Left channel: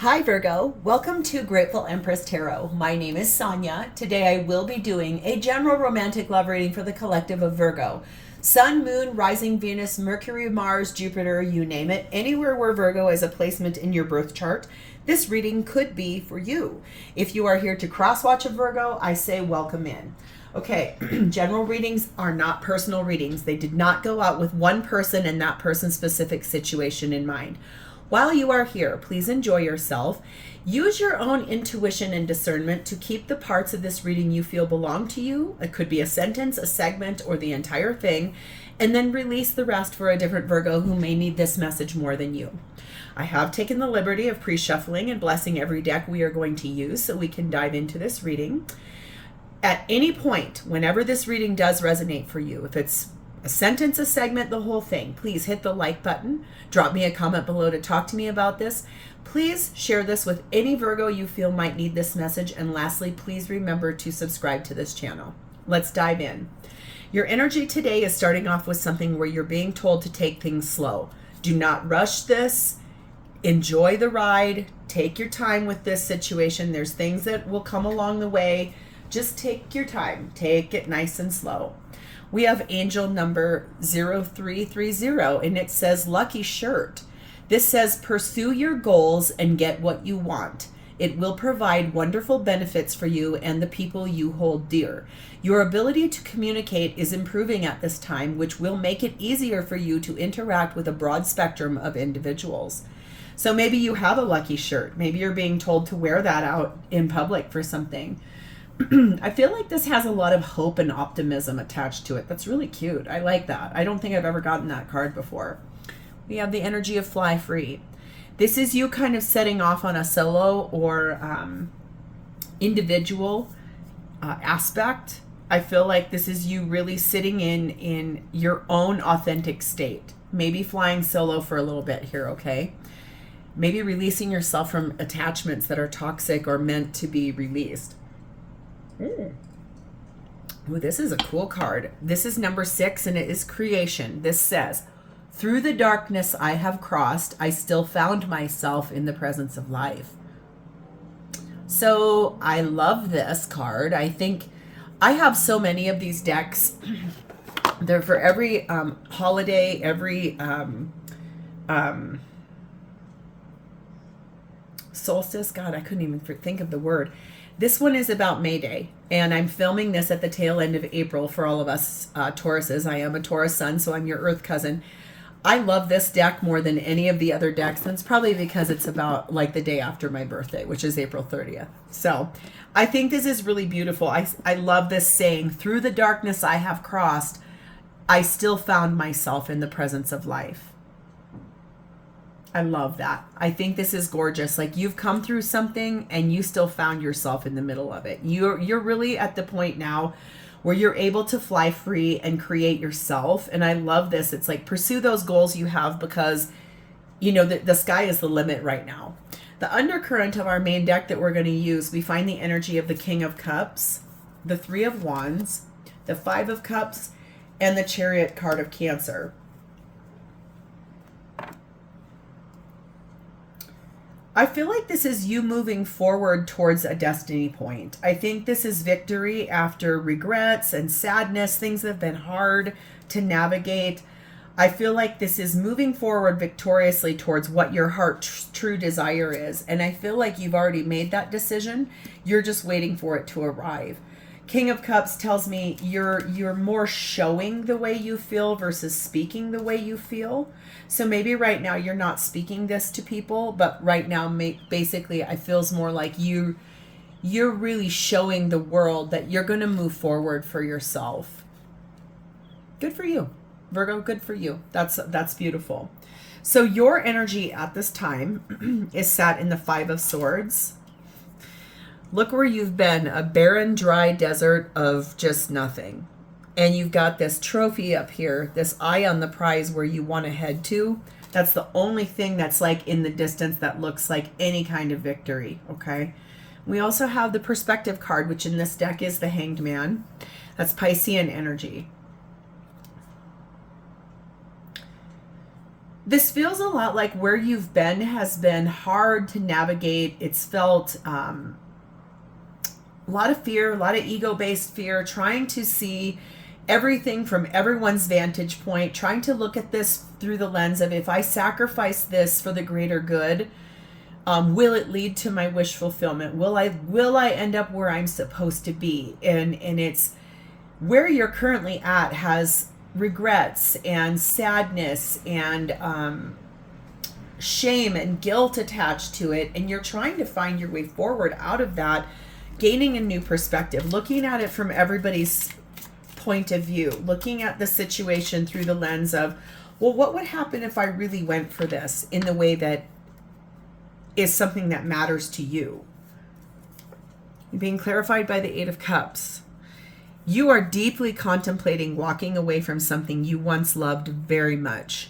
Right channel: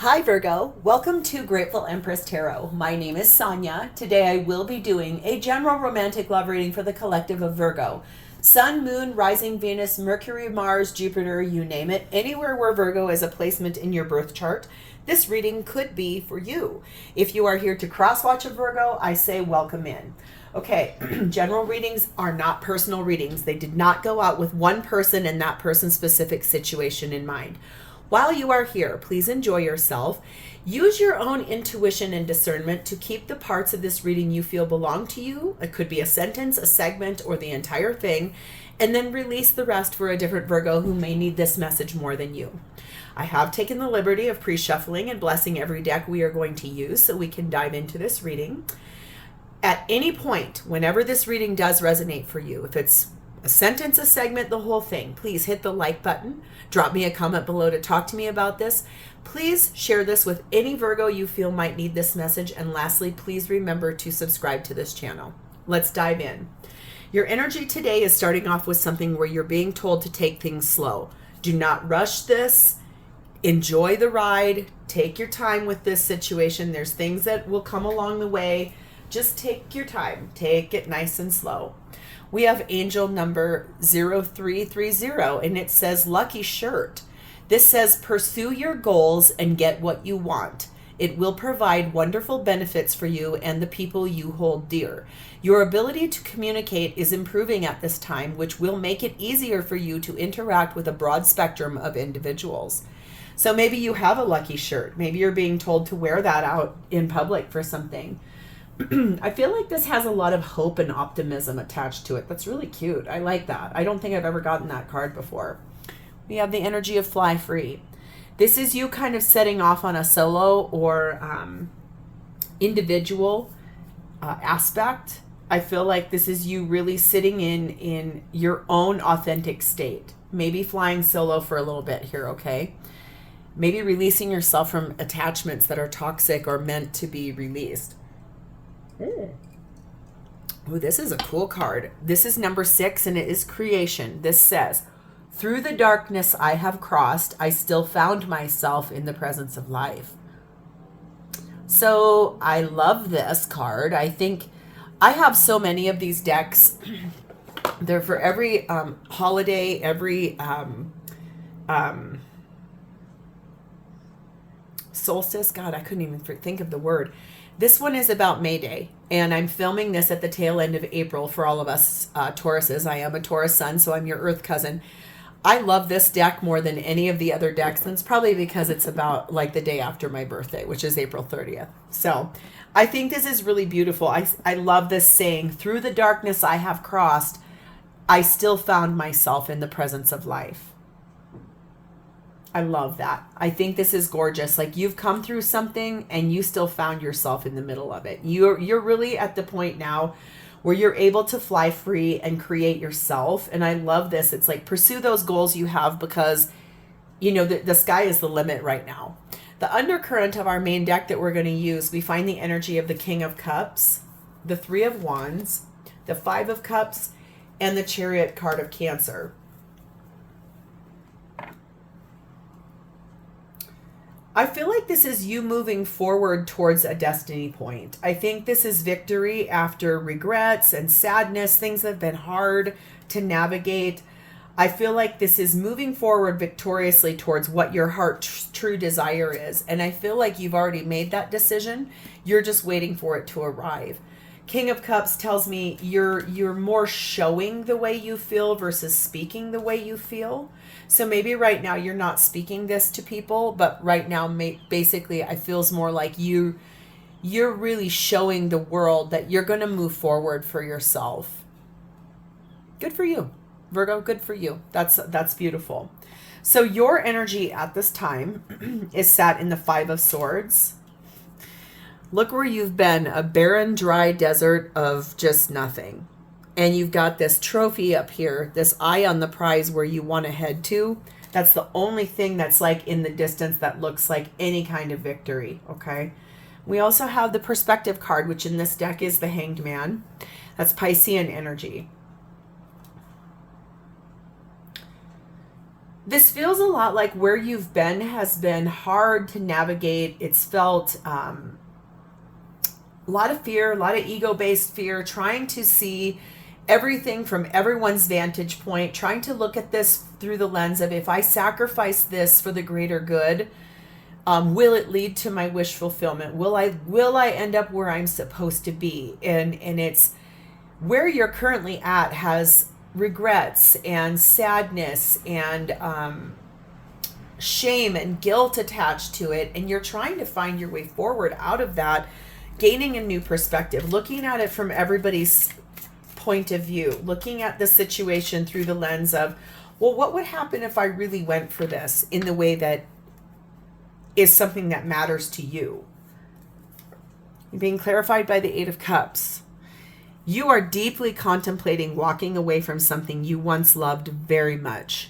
Hi Virgo, welcome to Grateful Empress Tarot. My name is Sonia. Today I will be doing a general romantic love reading for the collective of Virgo. Sun, Moon, Rising, Venus, Mercury, Mars, Jupiter, you name it. Anywhere where Virgo is a placement in your birth chart, this reading could be for you. If you are here to cross-watch a Virgo, I say welcome in. Okay, general readings are not personal readings. They did not go out with one person and that person's specific situation in mind. While you are here, please enjoy yourself. Use your own intuition and discernment to keep the parts of this reading you feel belong to you. It could be a sentence, a segment, or the entire thing, and then release the rest for a different Virgo who may need this message more than you. I have taken the liberty of pre-shuffling and blessing every deck we are going to use so we can dive into this reading. At any point, whenever this reading does resonate for you, if it's a sentence, a segment, the whole thing, please hit the like button. Drop me a comment below to talk to me about this. Please share this with any Virgo you feel might need this message. And lastly, please remember to subscribe to this channel. Let's dive in. Your energy today is starting off with something where you're being told to take things slow. Do not rush this. Enjoy the ride. Take your time with this situation. There's things that will come along the way. Just take your time. Take it nice and slow. We have angel number 0330, and it says lucky shirt. This says pursue your goals and get what you want. It will provide wonderful benefits for you and the people you hold dear. Your ability to communicate is improving at this time, which will make it easier for you to interact with a broad spectrum of individuals. So maybe you have a lucky shirt. Maybe you're being told to wear that out in public for something. I feel like this has a lot of hope and optimism attached to it. That's really cute. I like that. I don't think I've ever gotten that card before. We have the energy of fly free. This is you kind of setting off on a solo or individual aspect. I feel like this is you really sitting in your own authentic state. Maybe flying solo for a little bit here, okay? Maybe releasing yourself from attachments that are toxic or meant to be released. Ooh, this is a cool card. This is number 6, and it is creation. This says, through the darkness I have crossed, I still found myself in the presence of life. So I love this card. I think I have so many of these decks. They're for every holiday, every solstice. God, I couldn't even think of the word. This one is about May Day, and I'm filming this at the tail end of April for all of us Tauruses. I am a Taurus sun, so I'm your Earth cousin. I love this deck more than any of the other decks, and it's probably because it's about like the day after my birthday, which is April 30th. So I think this is really beautiful. I love this saying, through the darkness I have crossed, I still found myself in the presence of life. I love that. I think this is gorgeous. Like you've come through something and you still found yourself in the middle of it. You're really at the point now where you're able to fly free and create yourself. And I love this. It's like pursue those goals you have because, you know, the sky is the limit right now. The undercurrent of our main deck that we're going to use, we find the energy of the King of Cups, the Three of Wands, the Five of Cups, and the Chariot card of Cancer. I feel like this is you moving forward towards a destiny point. I think this is victory after regrets and sadness. Things have been hard to navigate. I feel like this is moving forward victoriously towards what your heart's true desire is. And I feel like you've already made that decision. You're just waiting for it to arrive. King of Cups tells me you're more showing the way you feel versus speaking the way you feel. So maybe right now you're not speaking this to people, but right now basically it feels more like you're really showing the world that you're going to move forward for yourself. Good for you, Virgo. Good for you. That's beautiful. So your energy at this time is sat in the Five of Swords. Look where you've been, a barren, dry desert of just nothing. And you've got this trophy up here, this eye on the prize where you want to head to. That's the only thing that's like in the distance that looks like any kind of victory, okay? We also have the perspective card, which in this deck is the Hanged Man. That's Piscean energy. This feels a lot like where you've been has been hard to navigate. It's felt a lot of fear, a lot of ego-based fear, trying to see everything from everyone's vantage point, trying to look at this through the lens of, if I sacrifice this for the greater good, will it lead to my wish fulfillment? Will I end up where I'm supposed to be? And it's where you're currently at has regrets and sadness and shame and guilt attached to it, and you're trying to find your way forward out of that, gaining a new perspective, looking at it from everybody's point of view, looking at the situation through the lens of, well, what would happen if I really went for this in the way that is something that matters to you? You're being clarified by the Eight of Cups. You are deeply contemplating walking away from something you once loved very much.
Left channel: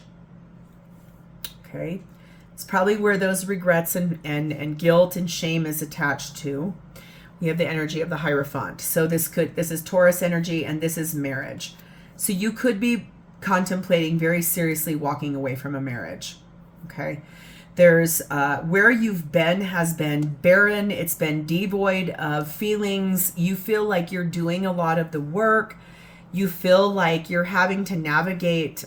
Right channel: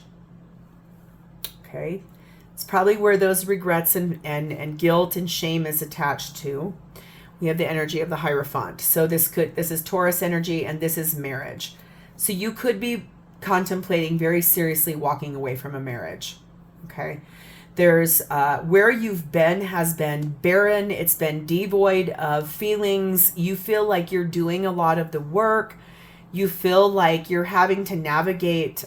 Okay? It's probably where those regrets and guilt and shame is attached to. We have the energy of the Hierophant. So this is Taurus energy, and this is marriage. So you could be contemplating very seriously walking away from a marriage. Okay? There's where you've been has been barren. It's been devoid of feelings. You feel like you're doing a lot of the work. You feel like you're having to navigate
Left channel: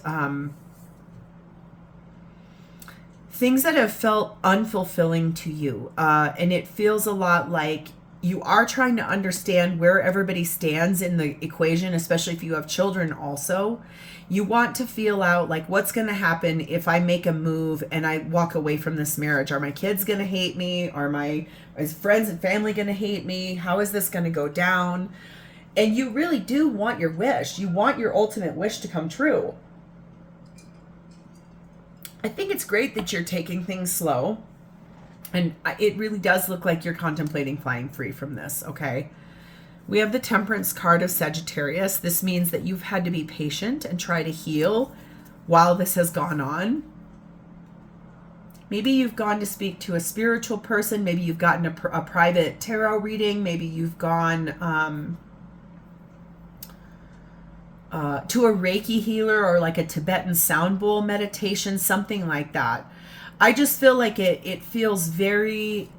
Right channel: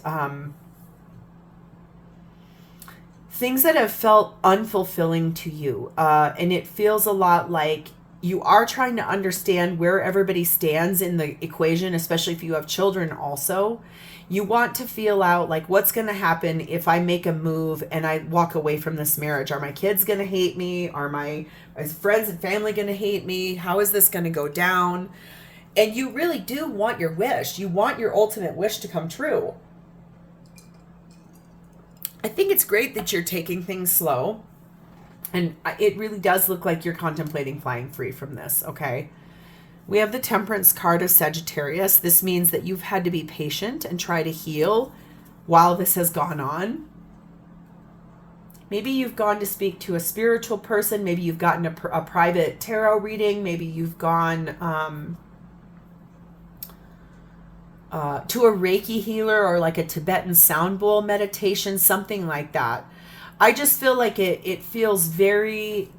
things that have felt unfulfilling to you. And it feels a lot like you are trying to understand where everybody stands in the equation, especially if you have children also. You want to feel out like, what's going to happen if I make a move and I walk away from this marriage? Are my kids going to hate me? Are my friends and family going to hate me? How is this going to go down? And you really do want your wish. You want your ultimate wish to come true. I think it's great that you're taking things slow. And it really does look like you're contemplating flying free from this, okay? We have the Temperance card of Sagittarius. This means that you've had to be patient and try to heal while this has gone on. Maybe you've gone to speak to a spiritual person. Maybe you've gotten a private tarot reading. Maybe you've gone to a Reiki healer or like a Tibetan sound bowl meditation, something like that. I just feel like it feels very,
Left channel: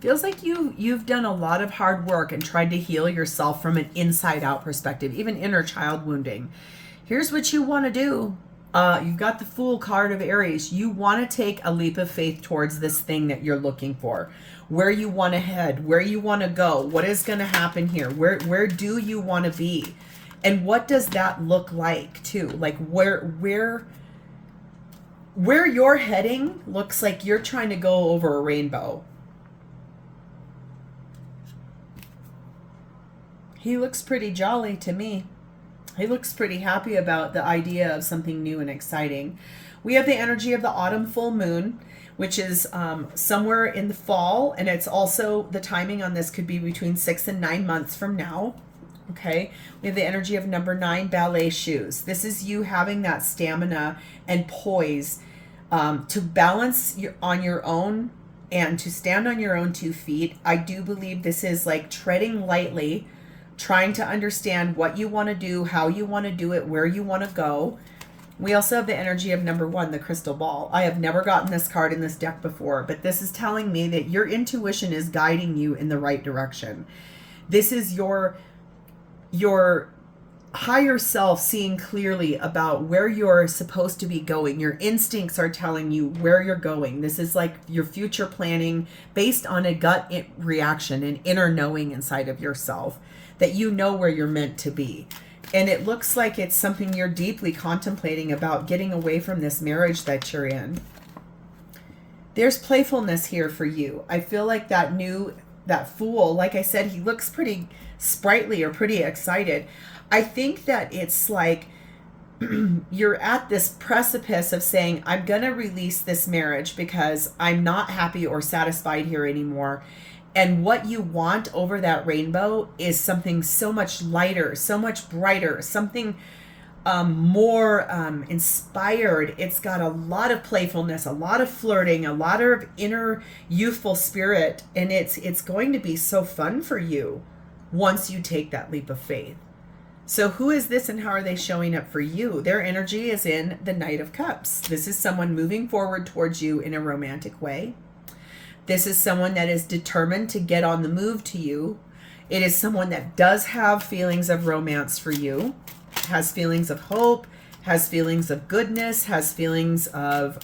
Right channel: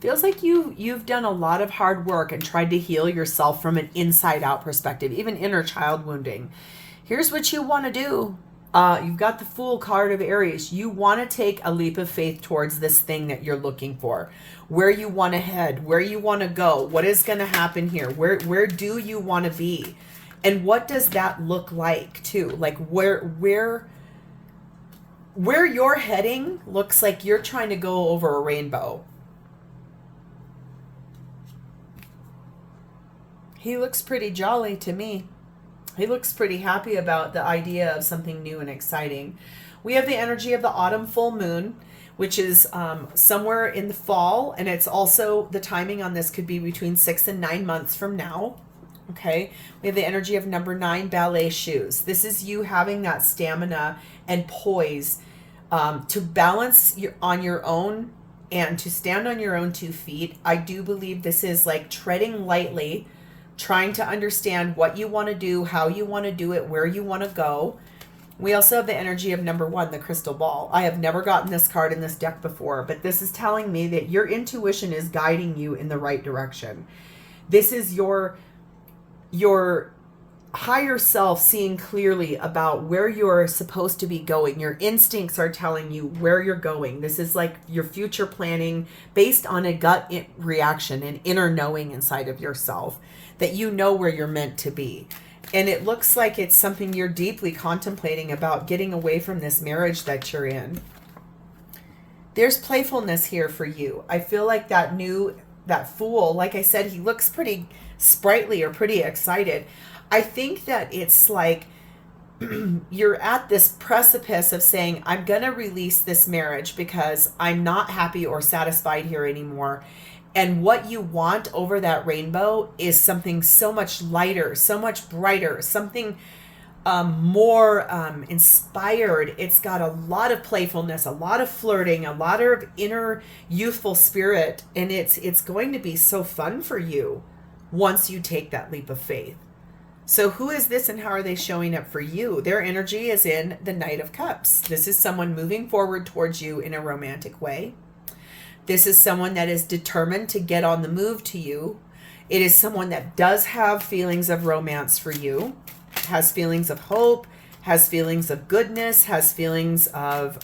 feels like you've done a lot of hard work and tried to heal yourself from an inside out perspective, even inner child wounding. Here's what you want to do. You've got the Fool card of Aries. You want to take a leap of faith towards this thing that you're looking for, where you want to head, where you want to go, what is going to happen here, where do you want to be? And what does that look like too? Like where you're heading looks like you're trying to go over a rainbow. He looks pretty jolly to me. He looks pretty happy about the idea of something new and exciting. We have the energy of the autumn full moon, which is somewhere in the fall. And it's also, the timing on this could be between 6 and 9 months from now. Okay, we have the energy of number 9, ballet shoes. This is you having that stamina and poise to balance on your own and to stand on your own 2 feet. I do believe this is like treading lightly, trying to understand what you want to do, how you want to do it, where you want to go. We also have the energy of number 1, the crystal ball. I have never gotten this card in this deck before, but this is telling me that your intuition is guiding you in the right direction. This is your higher self seeing clearly about where you're supposed to be going. Your instincts are telling you where you're going. This is like your future planning based on a gut reaction, an inner knowing inside of yourself that you know where you're meant to be. And it looks like it's something you're deeply contemplating about getting away from this marriage that you're in. There's playfulness here for you. I feel like that Fool, like I said, he looks pretty sprightly or pretty excited. I think that it's like you're at this precipice of saying, I'm going to release this marriage because I'm not happy or satisfied here anymore. And what you want over that rainbow is something so much lighter, so much brighter, something more inspired. It's got a lot of playfulness, a lot of flirting, a lot of inner youthful spirit. And it's going to be so fun for you once you take that leap of faith. So who is this and how are they showing up for you? Their energy is in the Knight of Cups. This is someone moving forward towards you in a romantic way. This is someone that is determined to get on the move to you. It is someone that does have feelings of romance for you, has feelings of hope, has feelings of goodness, has feelings of,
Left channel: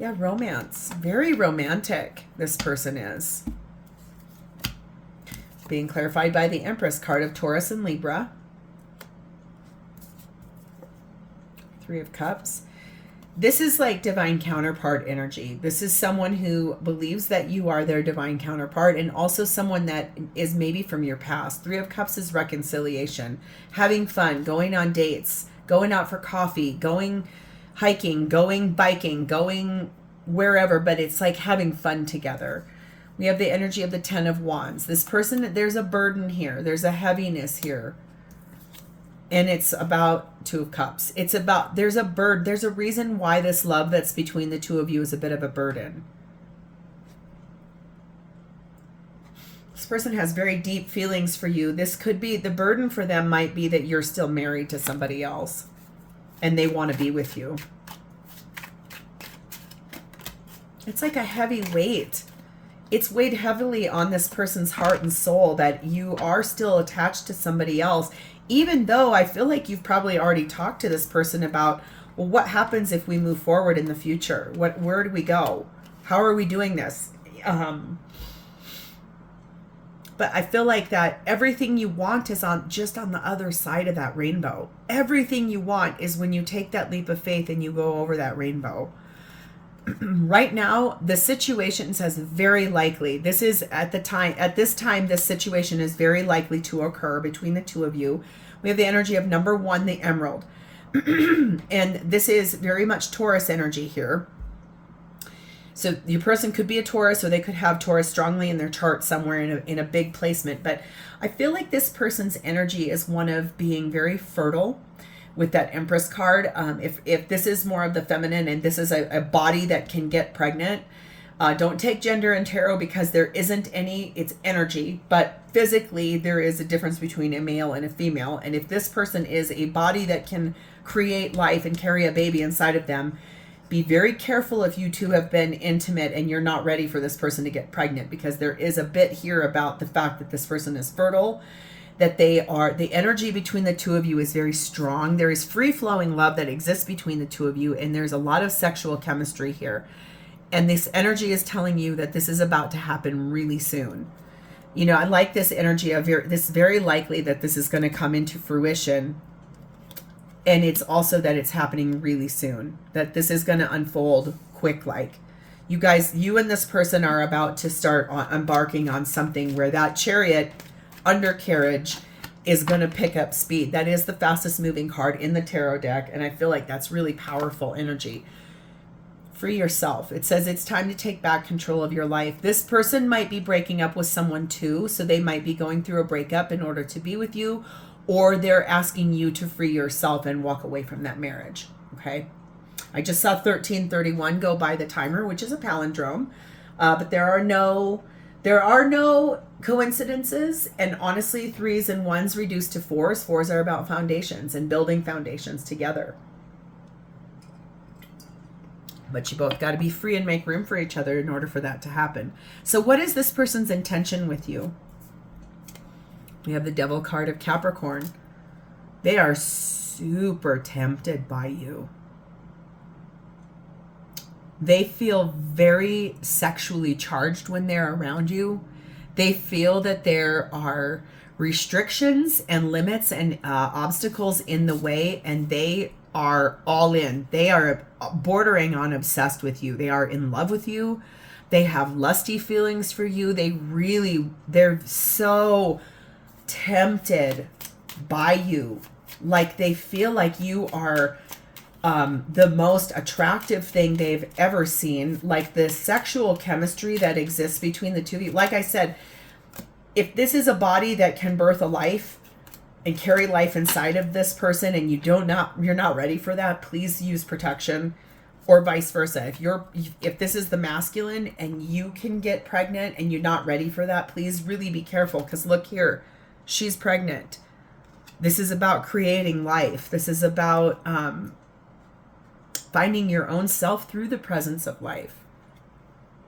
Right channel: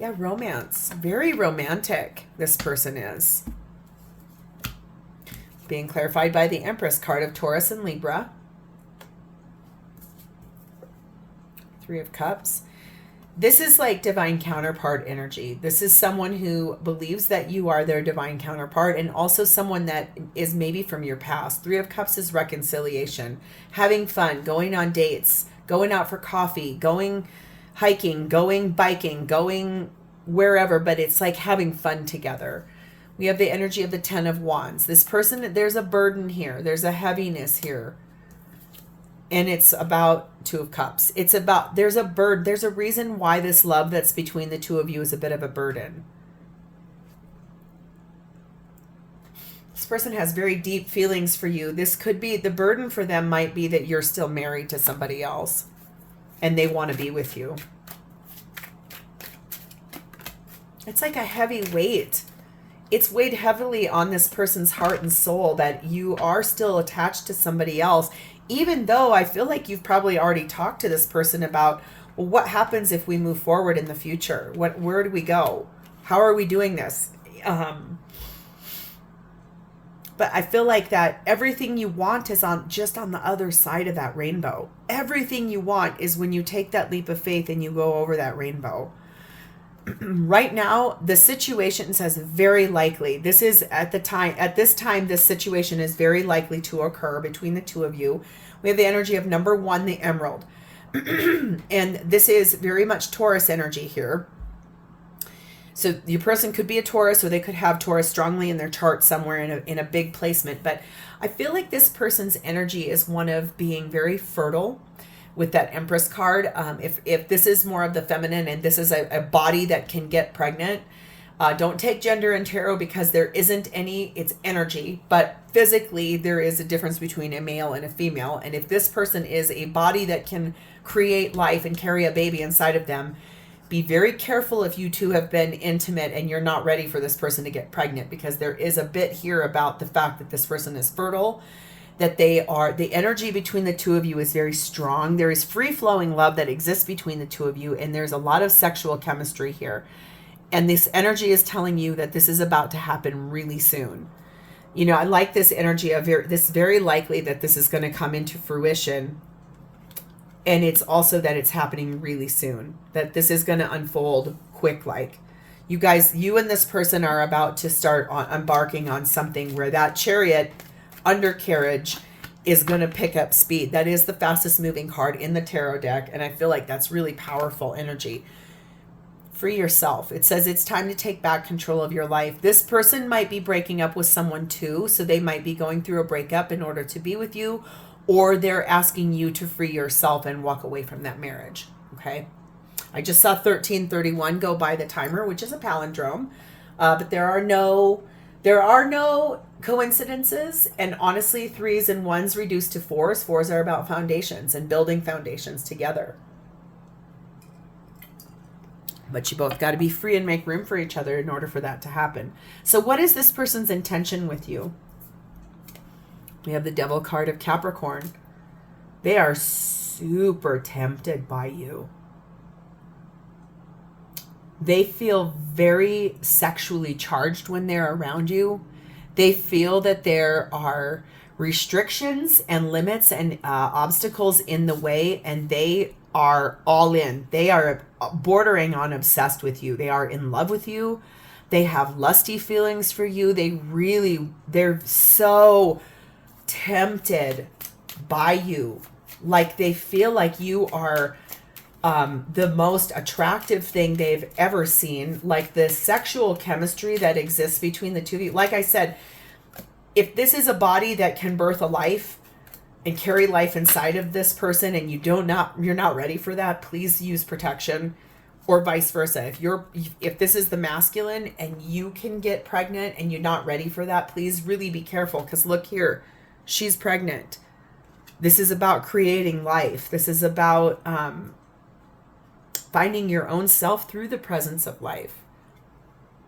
romance. Very romantic, this person is. Being clarified by the Empress card of Taurus and Libra. Three of Cups. This is like divine counterpart energy. This is someone who believes that you are their divine counterpart, and also someone that is maybe from your past. Three of Cups is reconciliation, having fun, going on dates, going out for coffee, going hiking, going biking, going wherever, but it's like having fun together. We have the energy of the Ten of Wands. This person, there's a burden here. There's a heaviness here. And it's about Two of Cups. It's about, there's a reason why this love that's between the two of you is a bit of a burden. This person has very deep feelings for you. This could be, the burden for them might be that you're still married to somebody else and they want to be with you. It's like a heavy weight. It's weighed heavily on this person's heart and soul that you are still attached to somebody else, even though I feel like you've probably already talked to this person about, well, what happens if we move forward in the future? Where do we go? How are we doing this? But I feel like that everything you want is just on the other side of that rainbow. Everything you want is when you take that leap of faith and you go over that rainbow. Right now, the situation says very likely. This time, this situation is very likely to occur between the two of you. We have the energy of number one, the Emerald. And this is very much Taurus energy here. So your person could be a Taurus, or they could have Taurus strongly in their chart somewhere in a big placement. But I feel like this person's energy is one of being very fertile with that Empress card. If this is more of the feminine and this is a body that can get pregnant, don't take gender in tarot because there isn't any, it's energy, but physically there is a difference between a male and a female. And if this person is a body that can create life and carry a baby inside of them, be very careful if you two have been intimate and you're not ready for this person to get pregnant, because there is a bit here about the fact that this person is fertile, that the energy between the two of you is very strong. There is free-flowing love that exists between the two of you, and there's a lot of sexual chemistry here. And this energy is telling you that this is about to happen really soon. You know, I like this energy of this very likely that this is going to come into fruition. And it's also that it's happening really soon, that this is going to unfold quick. Like you guys, you and this person are about to start embarking on something where that Chariot undercarriage is going to pick up speed. That is the fastest moving card in the tarot deck. And I feel like that's really powerful energy. Free yourself. It says it's time to take back control of your life. This person might be breaking up with someone too. So they might be going through a breakup in order to be with you, or they're asking you to free yourself and walk away from that marriage. Okay. I just saw 1331 go by the timer, which is a palindrome. But there are no coincidences, and honestly, threes and ones reduced to fours. Fours are about foundations and building foundations together. But you both got to be free and make room for each other in order for that to happen. So what is this person's intention with you? We have the Devil card of Capricorn. They are super tempted by you. They feel very sexually charged when they're around you. They feel that there are restrictions and limits and obstacles in the way, and they are all in. They are bordering on obsessed with you. They are in love with you. They have lusty feelings for you. They're so tempted by you. Like they feel like you are the most attractive thing they've ever seen. Like the sexual chemistry that exists between the two of you. Like I said, if this is a body that can birth a life and carry life inside of this person, and you're not ready for that, please use protection. or vice versa. If this is the masculine and you can get pregnant and you're not ready for that, please really be careful, because look here, she's pregnant. This is about creating life. This is about finding your own self through the presence of life.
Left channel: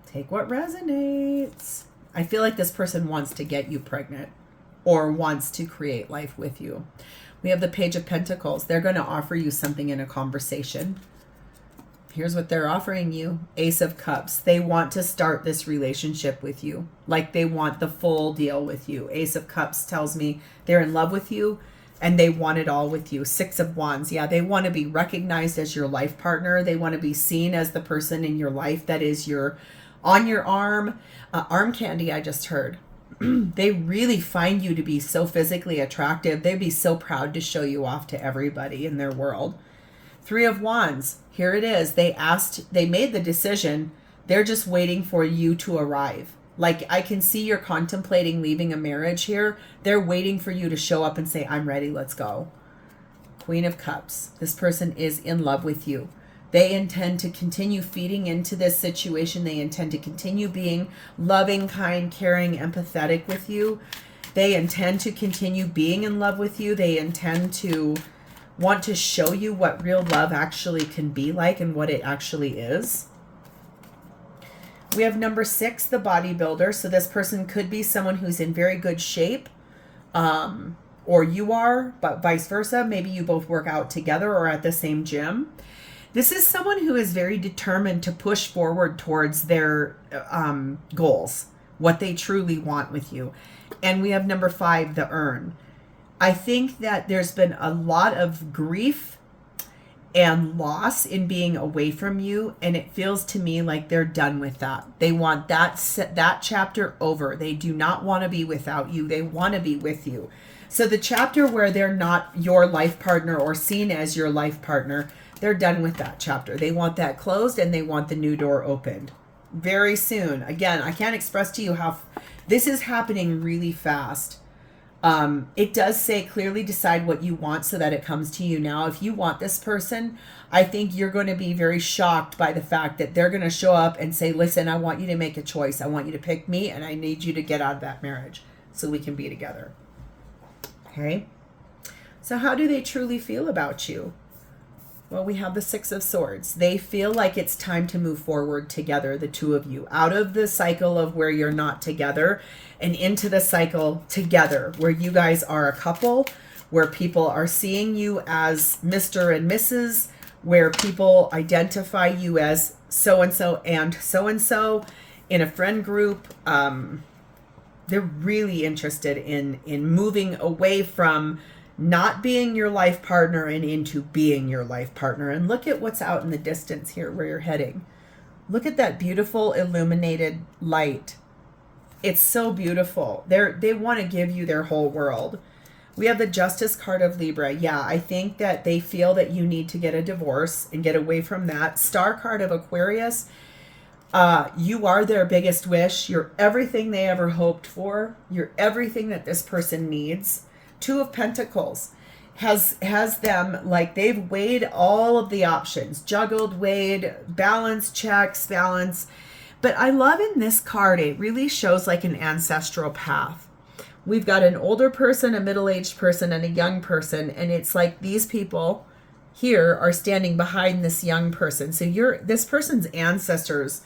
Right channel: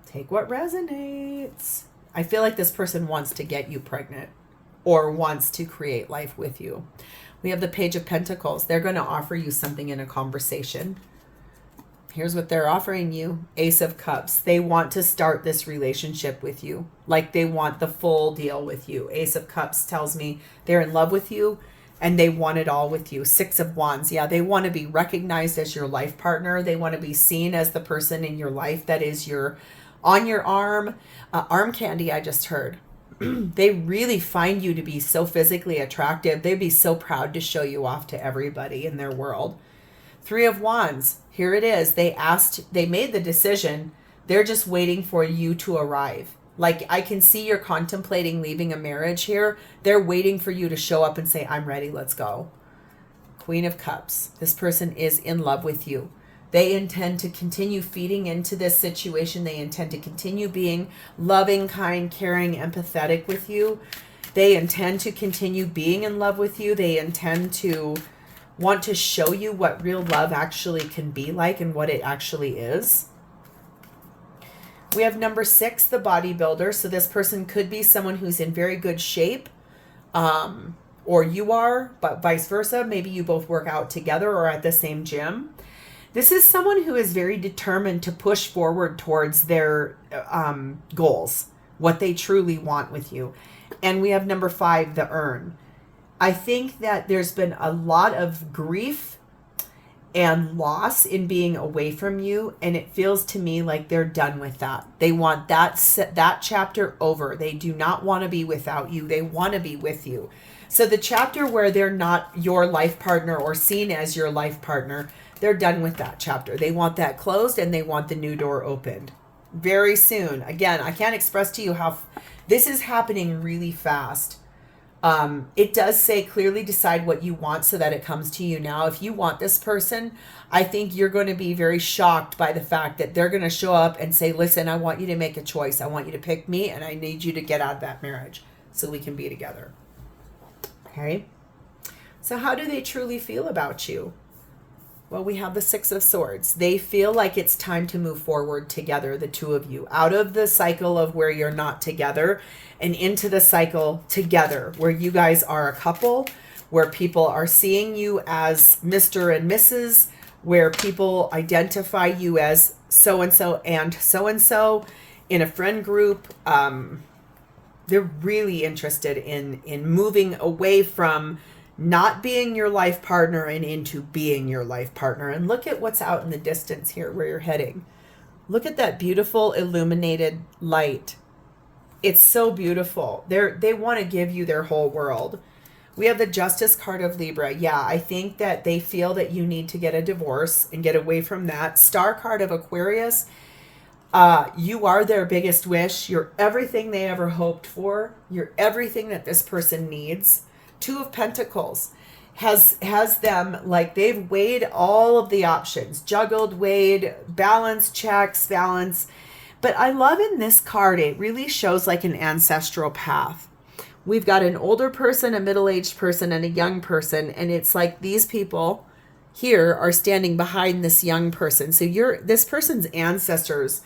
Take what resonates. I feel like this person wants to get you pregnant or wants to create life with you. We have the Page of Pentacles. They're going to offer you something in a conversation. Here's what they're offering you. Ace of Cups. They want to start this relationship with you. Like they want the full deal with you. Ace of Cups tells me they're in love with you and they want it all with you. Six of Wands. Yeah, they want to be recognized as your life partner. They want to be seen as the person in your life that is on your arm. Arm candy, I just heard. They really find you to be so physically attractive. They'd be so proud to show you off to everybody in their world. Three of Wands. Here it is. They made the decision. They're just waiting for you to arrive. Like, I can see you're contemplating leaving a marriage here. They're waiting for you to show up and say, I'm ready, let's go. Queen of Cups. This person is in love with you. They intend to continue feeding into this situation. They intend to continue being loving, kind, caring, empathetic with you. They intend to continue being in love with you. They intend to want to show you what real love actually can be like and what it actually is. We have number 6, the bodybuilder. So this person could be someone who's in very good shape, or you are, but vice versa. Maybe you both work out together or at the same gym. This is someone who is very determined to push forward towards their goals, what they truly want with you. And we have number 5, the urn. I think that there's been a lot of grief and loss in being away from you, and it feels to me like they're done with that. They want that chapter over. They do not want to be without you. They want to be with you. So the chapter where they're not your life partner or seen as your life partner, they're done with that chapter. They want that closed and they want the new door opened very soon. Again, I can't express to you how this is happening really fast. It does say clearly decide what you want so that it comes to you now. If you want this person, I think you're going to be very shocked by the fact that they're going to show up and say, listen, I want you to make a choice. I want you to pick me and I need you to get out of that marriage so we can be together. Okay. So how do they truly feel about you? Well, we have the 6 of Swords. They feel like it's time to move forward together, the two of you, out of the cycle of where you're not together and into the cycle together, where you guys are a couple, where people are seeing you as Mr. and Mrs., where people identify you as so-and-so and so-and-so in a friend group. They're really interested in moving away from not being your life partner and into being your life partner. And look at what's out in the distance here where you're heading. Look at that beautiful illuminated light. It's so beautiful. They want to give you their whole world. We have the Justice card of Libra. Yeah, I think that they feel that you need to get a divorce and get away from that. Star card of Aquarius. You are their biggest wish. You're everything they ever hoped for. You're everything that this person needs. 2 of Pentacles has them like they've weighed all of the options, juggled, weighed, balance, checks, balance. But I love in this card, it really shows like an ancestral path. We've got an older person, a middle-aged person, and a young person. And it's like these people here are standing behind this young person. So this person's ancestors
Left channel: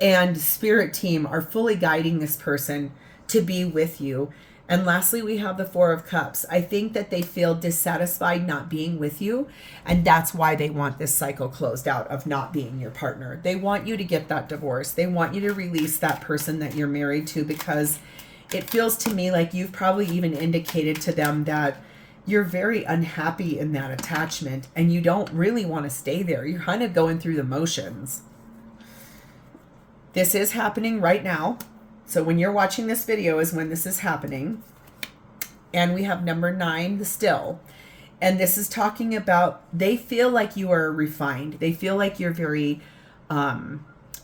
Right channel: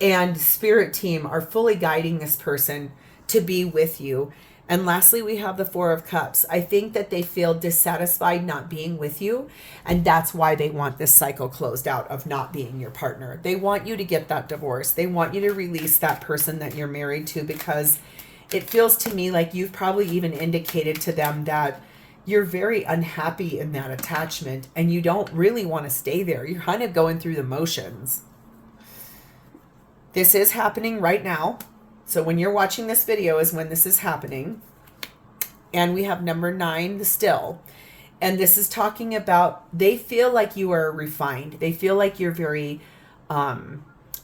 and spirit team are fully guiding this person to be with you. And lastly, we have the 4 of Cups. I think that they feel dissatisfied not being with you. And that's why they want this cycle closed out of not being your partner. They want you to get that divorce. They want you to release that person that you're married to, because it feels to me like you've probably even indicated to them that you're very unhappy in that attachment and you don't really want to stay there. You're kind of going through the motions. This is happening right now. So when you're watching this video is when this is happening. And we have number 9, the Still. And this is talking about they feel like you are refined. They feel like you're very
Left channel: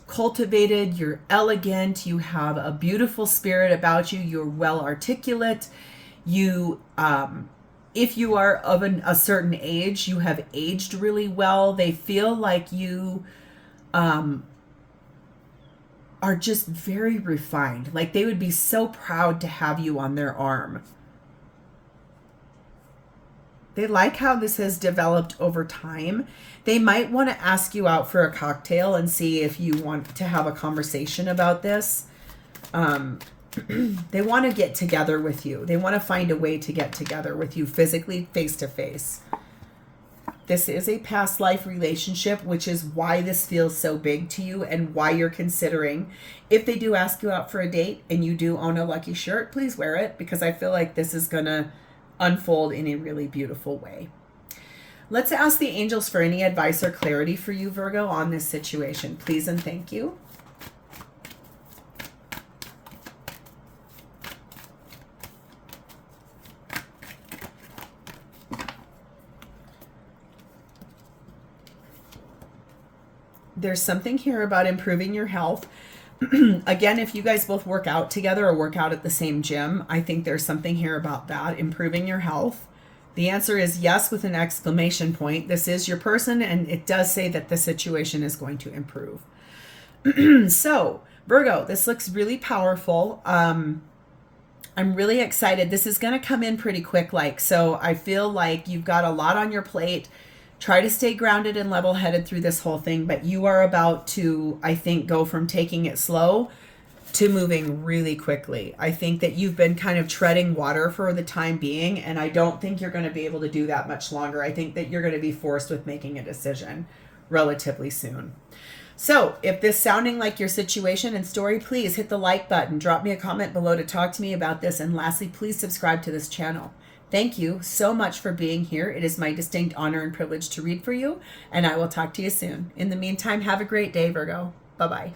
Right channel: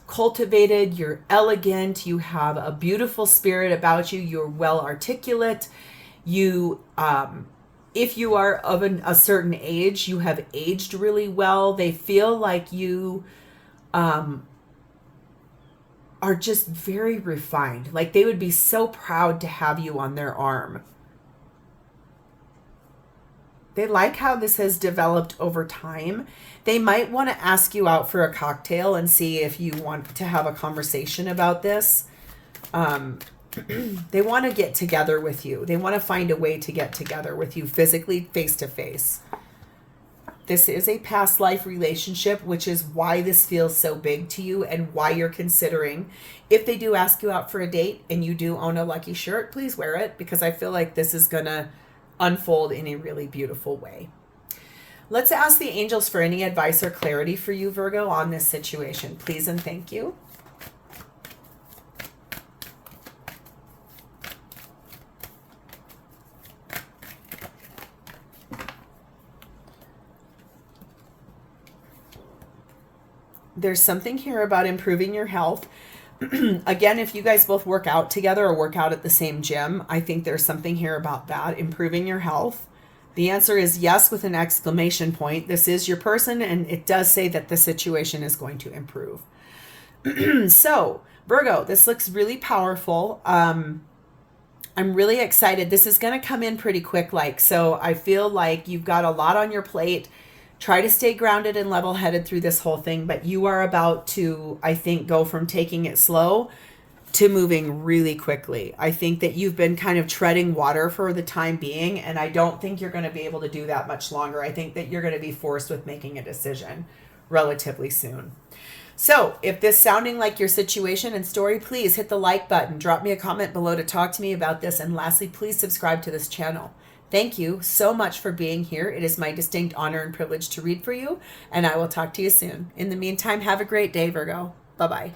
cultivated. You're elegant. You have a beautiful spirit about you. You're well articulate. You, if you are of a certain age, you have aged really well. They feel like you are just very refined. Like they would be so proud to have you on their arm. They like how this has developed over time. They might want to ask you out for a cocktail and see if you want to have a conversation about this. They want to get together with you. They want to find a way to get together with you physically, face to face. This is a past life relationship, which is why this feels so big to you and why you're considering. If they do ask you out for a date and you do own a lucky shirt, please wear it, because I feel like this is going to unfold in a really beautiful way. Let's ask the angels for any advice or clarity for you, Virgo, on this situation. Please and thank you. There's something here about improving your health. Again, if you guys both work out together or work out at the same gym, I think there's something here about that, improving your health. The answer is yes with an exclamation point. This is your person, and it does say that the situation is going to improve. So, Virgo, this looks really powerful. I'm really excited. This is going to come in pretty quick, so I feel like you've got a lot on your plate. Try to stay grounded and level-headed through this whole thing, but you are about to, I think, go from taking it slow to moving really quickly. I think that you've been kind of treading water for the time being, and I don't think you're going to be able to do that much longer. I think that you're going to be forced with making a decision relatively soon. So if this sounding like your situation and story, please hit the like button, drop me a comment below to talk to me about this, and lastly, please subscribe to this channel. Thank you so much for being here. It is my distinct honor and privilege to read for you, and I will talk to you soon. In the meantime, have a great day, Virgo. Bye-bye.